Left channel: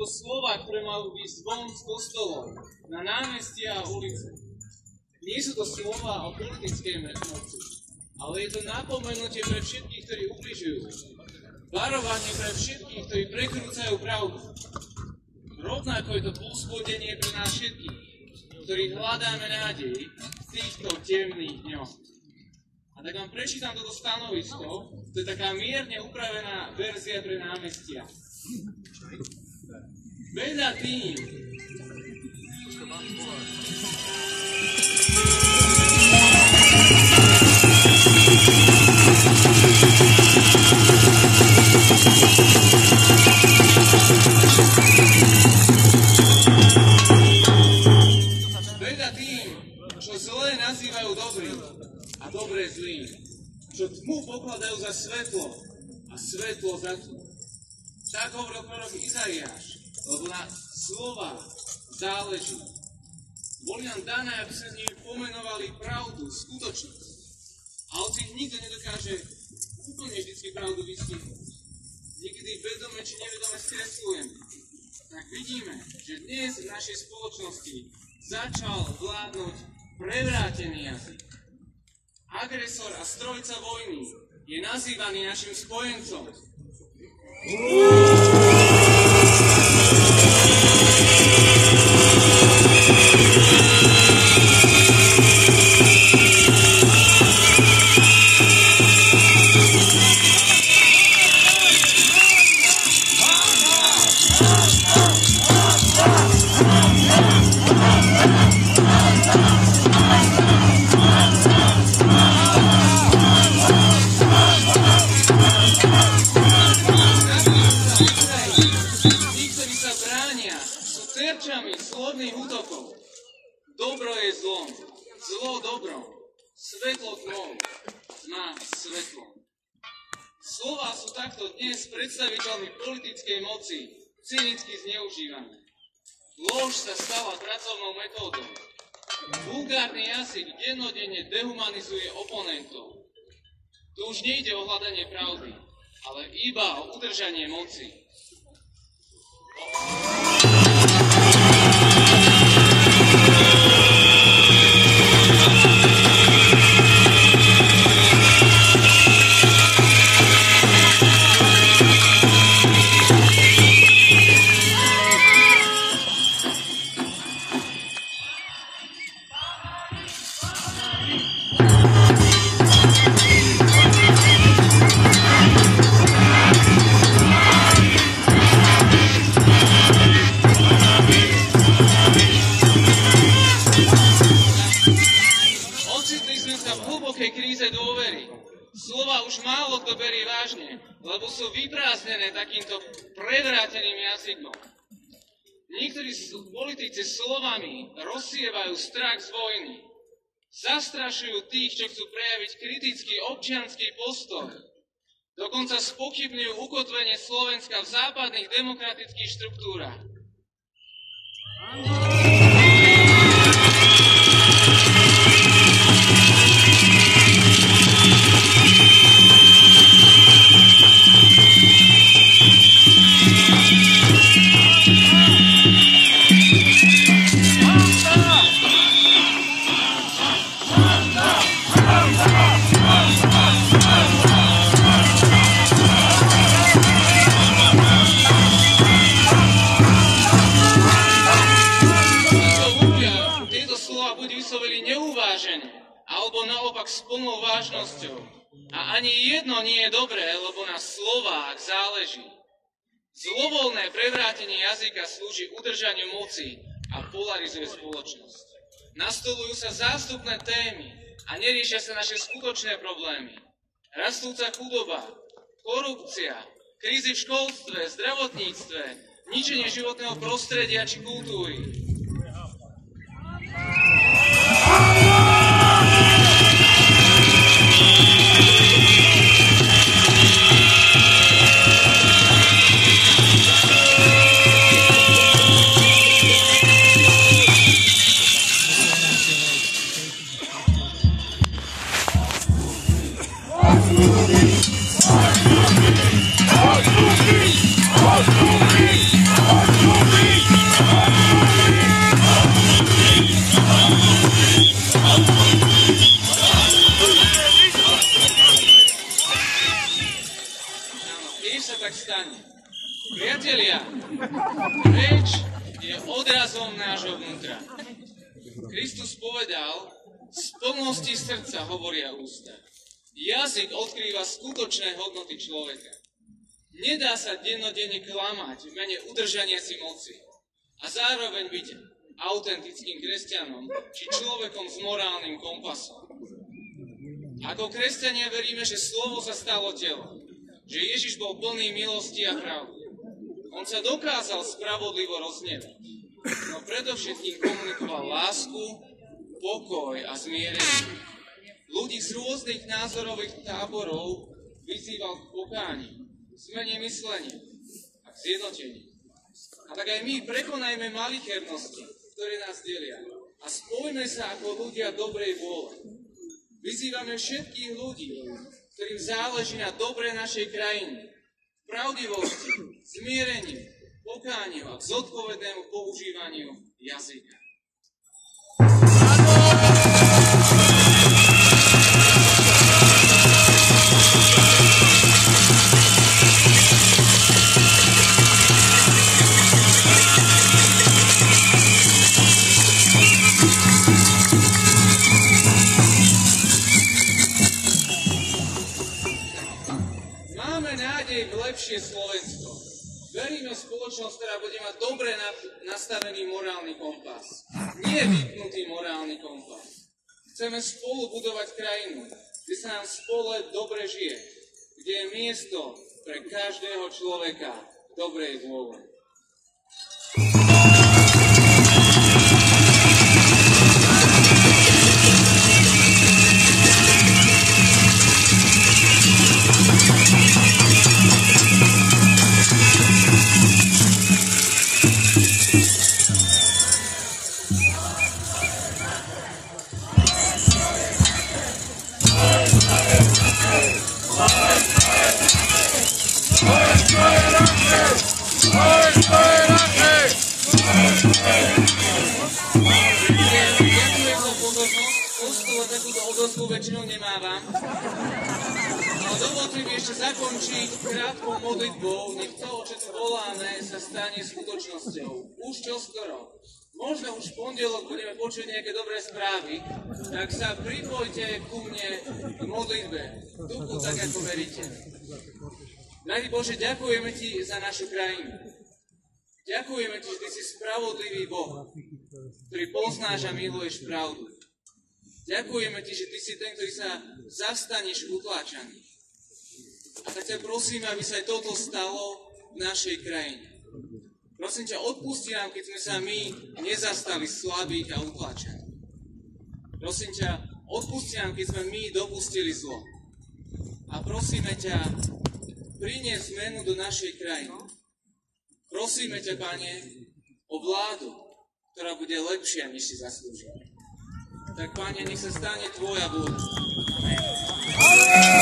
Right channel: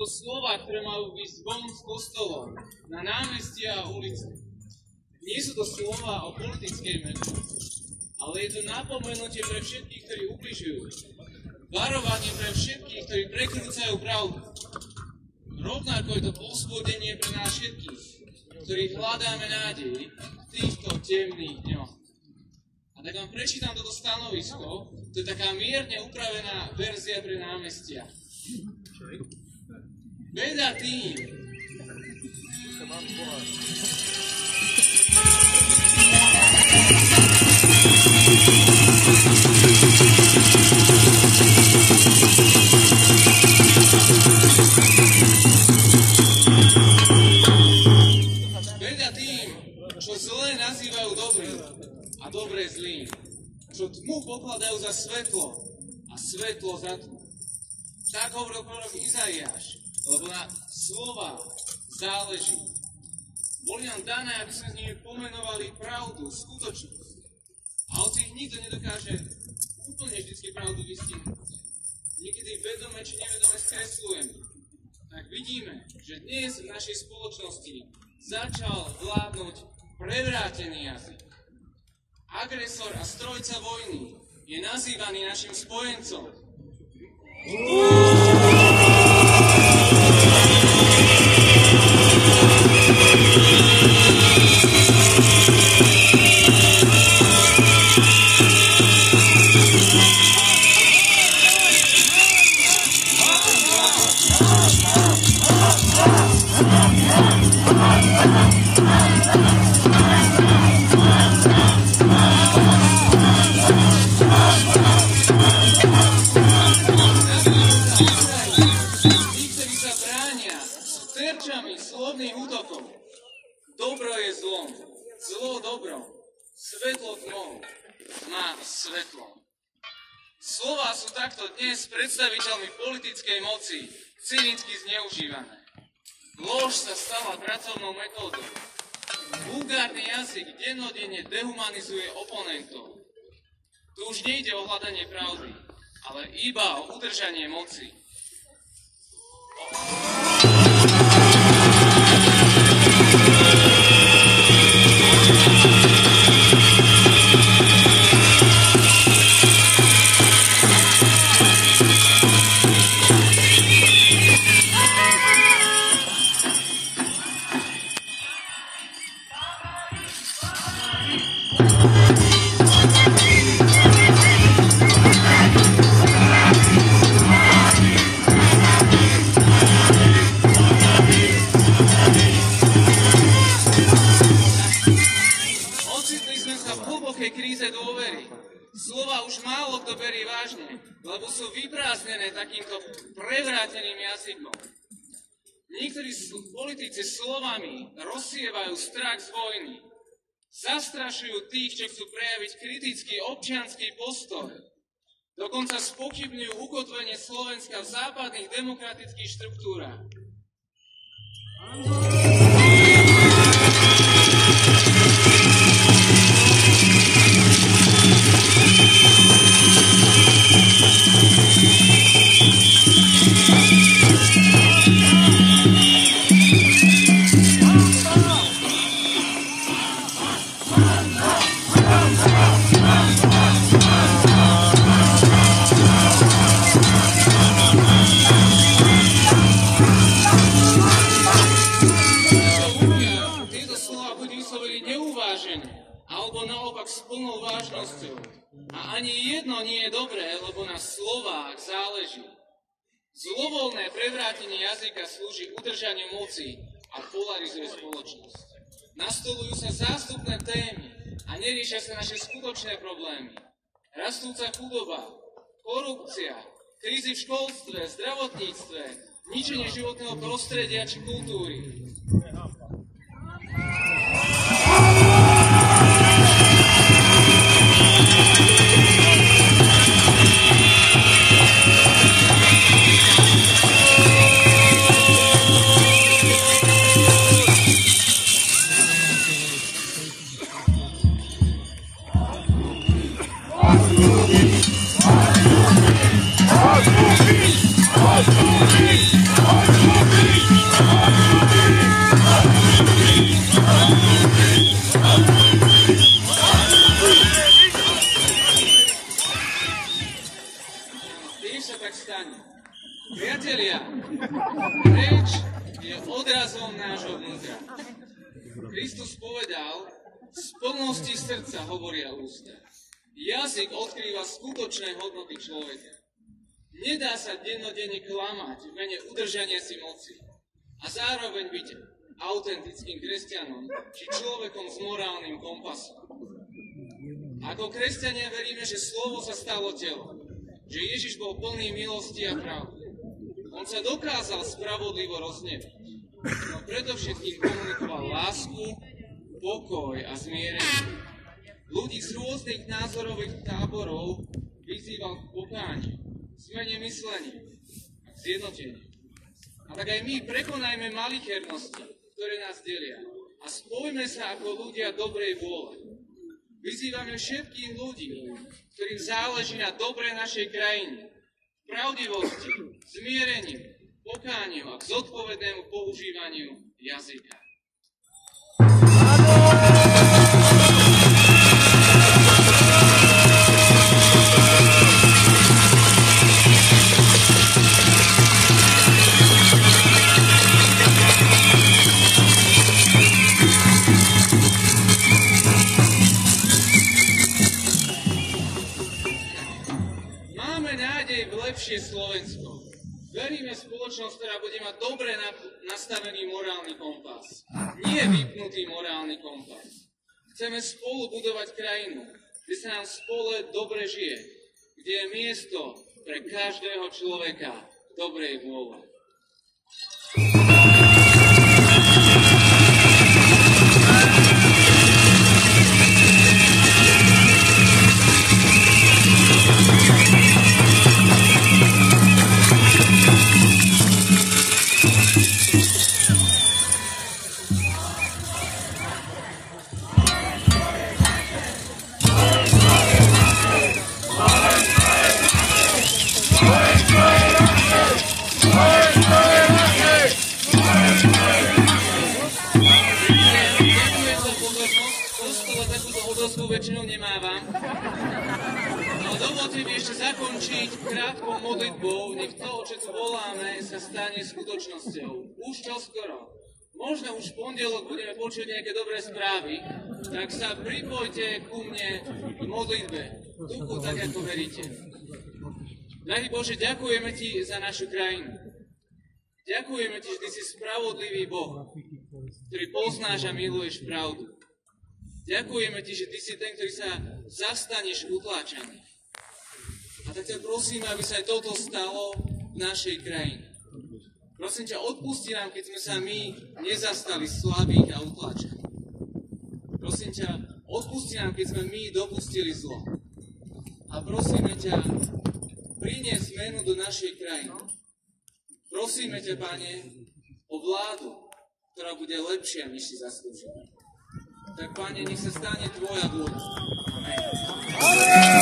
to slova, ktoré majú ísť von z kostolov, na námestia a ulice. Nie sú to slova o politickej moci, ale je to napomenutie pre všetkých, ktorí ubližujú. Varovanie pre všetkých, ktorí prekrúcajú pravdu. Rovnako je to povzbudenie pre nás všetkých, ktorí hľadáme nádej v týchto temných dňoch. A tak vám prečítam toto stanovisko, to je taká mierne upravená verzia pre námestia. Beda tým, čo zlé nazývajú dobrým a dobré zlým, čo tmu pokladajú za svetlo a svetlo za tmu. Tak hovoril prorok Izaiáš, lebo na slova záleží. Boli nám dané, aby sme s nimi pomenovali pravdu, skutočnosť. A hoci ich nikto nedokáže úplne vždycky pravdu vystihnúť, niekedy vedome či nevedome skreslujeme, tak vidíme, že dnes v našej spoločnosti začal vládnuť prevrátený jazyk. Agresor a strojca vojny je nazývaný našim spojencom. Slovných útokov. Dobro je zlom, zlo dobrom, svetlo tmou, tma svetlom. Slová sú takto dnes predstaviteľmi politickej moci cynicky zneužívané. Lož sa stala pracovnou metódou. Vulgárny jazyk dennodenne dehumanizuje oponentov. Tu už nejde o hľadanie pravdy, ale iba o udržanie moci. Slova už málo kto berie vážne, lebo sú vyprázdnené takýmto prevráteným jazykom. Niektorí politici slovami rozsievajú strach z vojny. Zastrašujú tých, čo chcú prejaviť kritický občiansky postoj. Dokonca spochybňujú ukotvenie Slovenska v západných demokratických štruktúrach. Alebo naopak s plnou vážnosťou. A ani jedno nie je dobré, lebo na slovách záleží. Zlovoľné prevrátenie jazyka slúži udržaniu moci a polarizuje spoločnosť. Nastolujú sa zástupné témy a neriešia sa naše skutočné problémy. Rastúca chudoba, korupcia, krízy v školstve, zdravotníctve, ničenie životného prostredia či kultúry. Let's go! Reč je odrazom nášho vnútra. Kristus povedal, z plnosti srdca hovoria ústa. Jazyk odkrýva skutočné hodnoty človeka. Nedá sa dennodenne klamať v mene udržania si moci a zároveň byť autentickým kresťanom či človekom s morálnym kompasom. Ako kresťania veríme, že slovo sa stalo telom, že Ježiš bol plný milosti a pravdy. On sa dokázal spravodlivo rozhnevať, no predovšetkým komunikoval lásku, pokoj a zmierenie. Ľudí z rôznych názorových táborov vyzýval k pokániu, zmene myslenia a k zjednoteniu. A tak aj my prekonajme malichernosti, ktoré nás delia a spojme sa ako ľudia dobrej vôle. Vyzývame všetkých ľudí, ktorým záleží na dobre našej krajiny, pravdivosti, zmiereniu, pokániu a k zodpovednému používaniu jazyka. Lepšie Slovensko. Veríme v spoločnosť, ktorá bude mať dobre nastavený morálny kompas. Nie vypnutý morálny kompas. Chceme spolu budovať krajinu, kde sa nám spolu dobre žije, kde je miesto pre každého človeka dobrej vôle. Väčšinou nemávam. No dovolte mi ešte zakončiť krátkou modlitbou, nech to, o čo tu voláme, sa stane skutočnosťou. Už čoskoro. Možno už v pondelok budeme počuť nejaké dobré správy, tak sa pripojte ku mne k modlitbe. Duchu, tak ako veríte. Drahý Bože, ďakujeme Ti za našu krajinu. Ďakujeme Ti, že Ty si spravodlivý Boh, ktorý poznáš a miluješ pravdu. Ďakujeme Ti, že Ty si ten, ktorý sa zastaneš utláčaný. A tak ťa prosím, aby sa aj toto stalo v našej krajine. Prosím ťa, odpusti nám, keď sme sa my nezastali slabých a utláčaných. Prosím ťa, odpusti nám, keď sme my dopustili zlo. A prosíme ťa, priniesť zmenu do našej krajiny. Prosíme ťa, Pane, o vládu, ktorá bude lepšia, než si zaslúžime. Tak, Pane, nech sa stane Tvoja vôľa. Amen.